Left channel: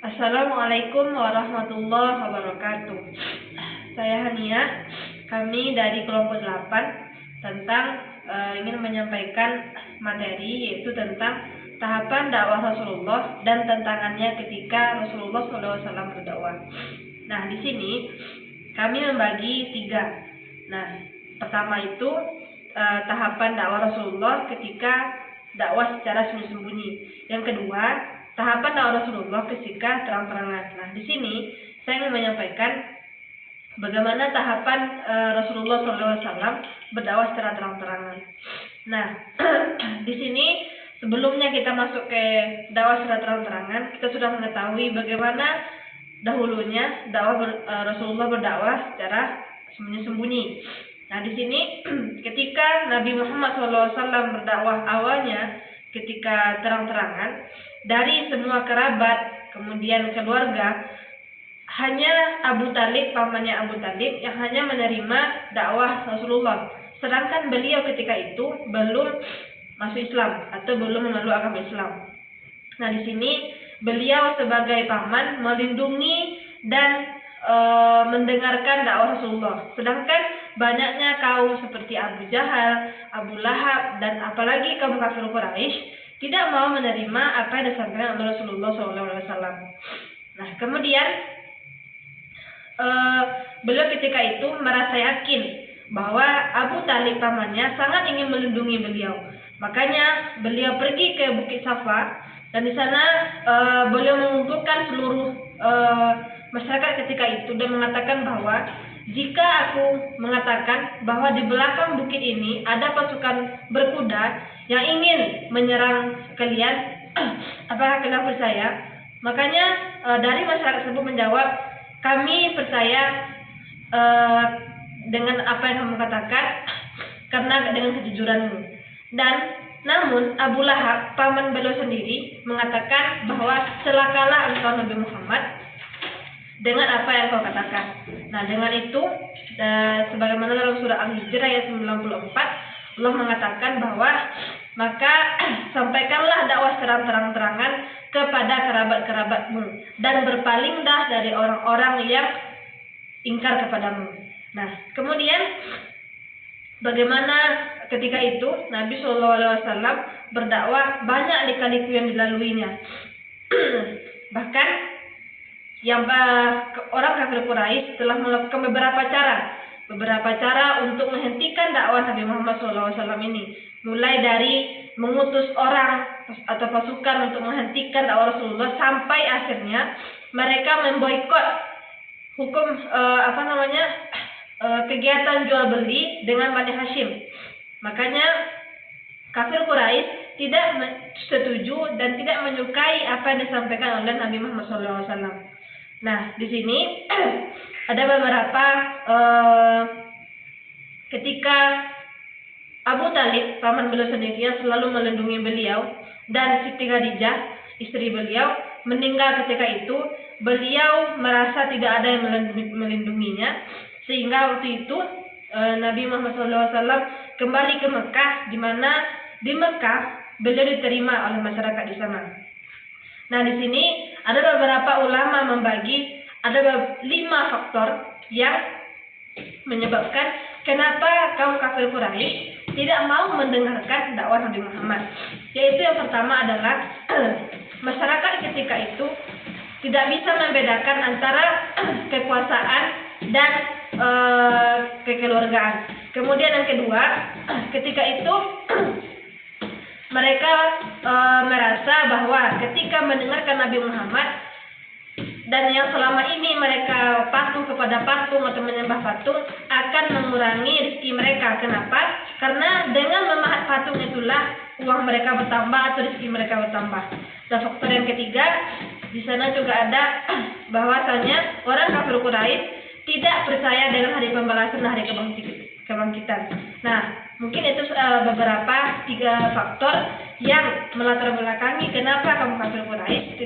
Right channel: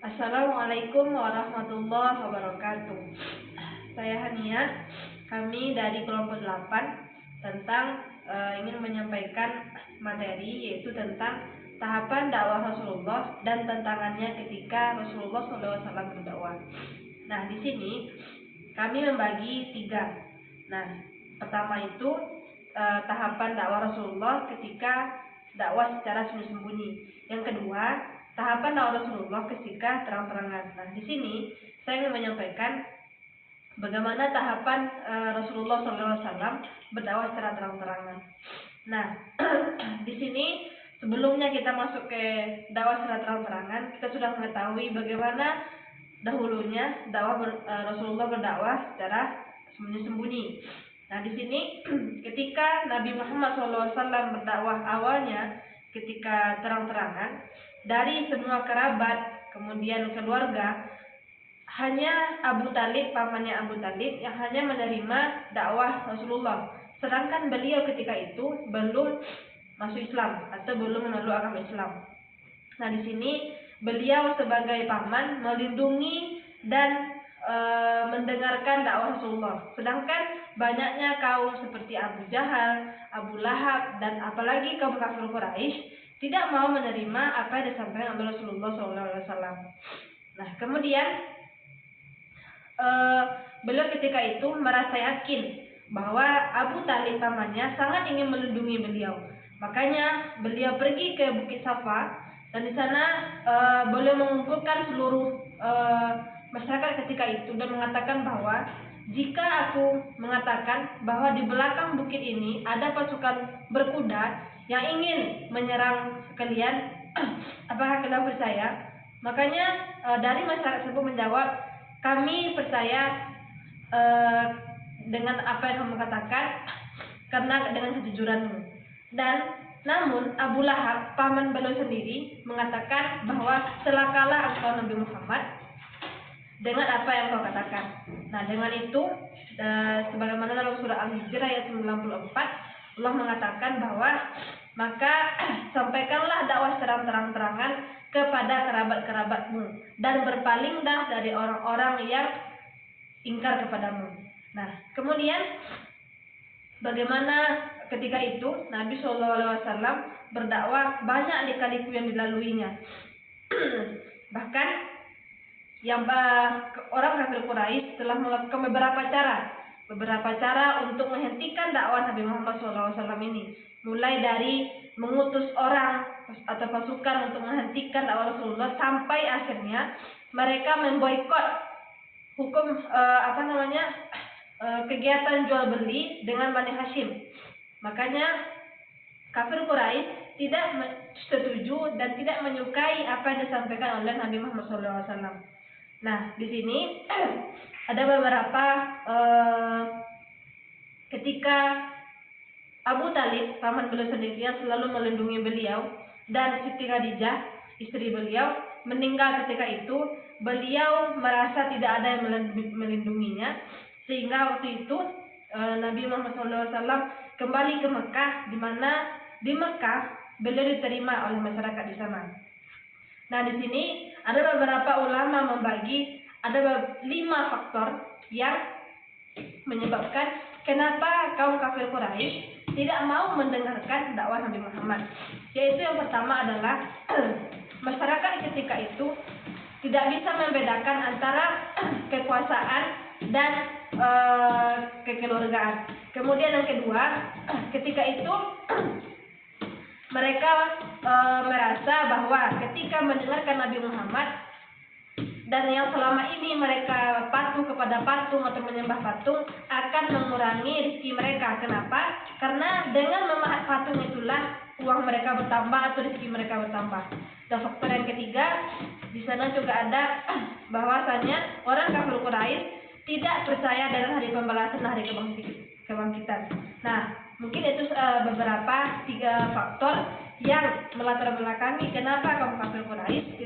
Assalamualaikum warahmatullahi wabarakatuh. Saya Hania, kami dari kelompok 8 ingin menyampaikan materi yaitu tentang tahapan dakwah Rasulullah dan tantangannya ketika Rasulullah SAW berdakwah. Nah, di sini kami membagi 3. Nah, pertama itu tahapan dakwah Rasulullah ketika dakwah secara sembunyi-sembunyi. Yang kedua, tahapan dakwah Rasulullah ketika terang-terangan. Nah, di sini saya ingin menyampaikan bagaimana tahapan Rasulullah SAW berdakwah secara terang-terangan. Nah, di sini sebelumnya kita masuk ke dakwah secara terang-terangan, kita sudah mengetahui bagaimana dahulunya dakwah Rasulullah berdakwah secara sembunyi-sembunyi. Nah, di sini ketika Nabi Muhammad SAW berdakwah awalnya ketika terang-terangan, dari semua kerabat kemudian keluarga, hanya Abu Talib, pamannya Abu Talib yang hanya menerima dakwah Rasulullah, sedangkan beliau ketika itu belum masuk Islam atau belum memeluk agama Islam. Nah, di sini beliau sebagai paman melindungi dan mendengarkan dakwah Rasulullah, sedangkan banyaknya kaum seperti Abu Jahal, Abu Lahab, dan apalagi kaum kafir Quraisy tidak mau menerima apa yang disampaikan oleh Rasulullah SAW. Nah, kemudian beliau ketika itu merasa yakin bahwa Abu Talib pamannya sangat ingin melindungi beliau. Makanya beliau pergi ke Bukit Safa, dan di sana beliau mengumpulkan seluruh masyarakat ketika itu dan mengatakan bahwa jika aku mengatakan bahwa di belakang bukit ini ada pasukan berkuda yang ingin menyerang kalian, apakah kalian percaya? Makanya dari masyarakat tersebut menjawab, kami percaya dengan apa yang kamu katakan karena dengan kejujuranmu. Dan namun Abu Lahab, paman beliau sendiri, mengatakan bahwa celakalah engkau Nabi Muhammad dengan apa yang kau katakan. Nah, dengan itu sebagaimana dalam surah Al-Hijr ayat 94, Allah mengatakan bahwa maka sampaikanlah dakwah secara terang-terangan kepada kerabat-kerabatmu dan berpalinglah dari orang-orang yang ingkar kepadamu. Nah, kemudian bagaimana ketika itu Nabi SAW berdakwah, banyak lika-liku yang dilaluinya. Bahkan yang orang kafir Quraisy telah melakukan beberapa cara untuk menghentikan dakwah Nabi Muhammad SAW ini, mulai dari mengutus orang atau pasukan untuk menghentikan dakwah Rasulullah, sampai akhirnya mereka memboikot hukum kegiatan jual beli dengan Bani Hashim. Makanya kafir Quraisy tidak setuju dan tidak menyukai apa yang disampaikan oleh Nabi Muhammad SAW. Nah, di sini ada beberapa ketika Abu Talib, paman beliau sendiri yang selalu melindungi beliau, dan Siti Khadijah, istri beliau, meninggal ketika itu, beliau merasa tidak ada yang melindunginya, sehingga waktu itu Nabi Muhammad SAW kembali ke Mekah, di mana di Mekah beliau diterima oleh masyarakat di sana. Nah, di sini ada beberapa ulama membagi ada 5 faktor yang menyebabkan kenapa kaum kafir Quraisy tidak mau mendengarkan dakwah Nabi Muhammad. Yaitu yang pertama adalah masyarakat ketika itu tidak bisa membedakan antara kekuasaan dan kekeluargaan. Kemudian yang kedua, ketika itu mereka merasa bahwa ketika mendengarkan Nabi Muhammad dan yang selama ini mereka patuh kepada patung atau menyembah patung, akan mengurangi rezeki mereka. Kenapa? Karena dengan memahat patung itulah uang mereka bertambah atau rezeki mereka bertambah. Dan faktor yang ketiga, di sana juga ada bahwasanya orang kafir Quraisy tidak percaya dengan hari pembalasan, hari kebangkitan. Nah, mungkin itu beberapa 3 faktor yang melatar belakangi kenapa kaum kafir Quraisy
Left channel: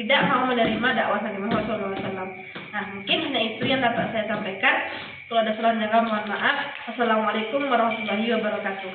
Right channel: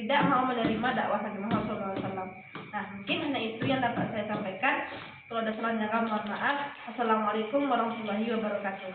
tidak mau menerima dakwah Nabi Muhammad SAW. Nah, mungkin hanya itu yang dapat saya sampaikan. Kalau ada salah mohon maaf. Assalamualaikum warahmatullahi wabarakatuh.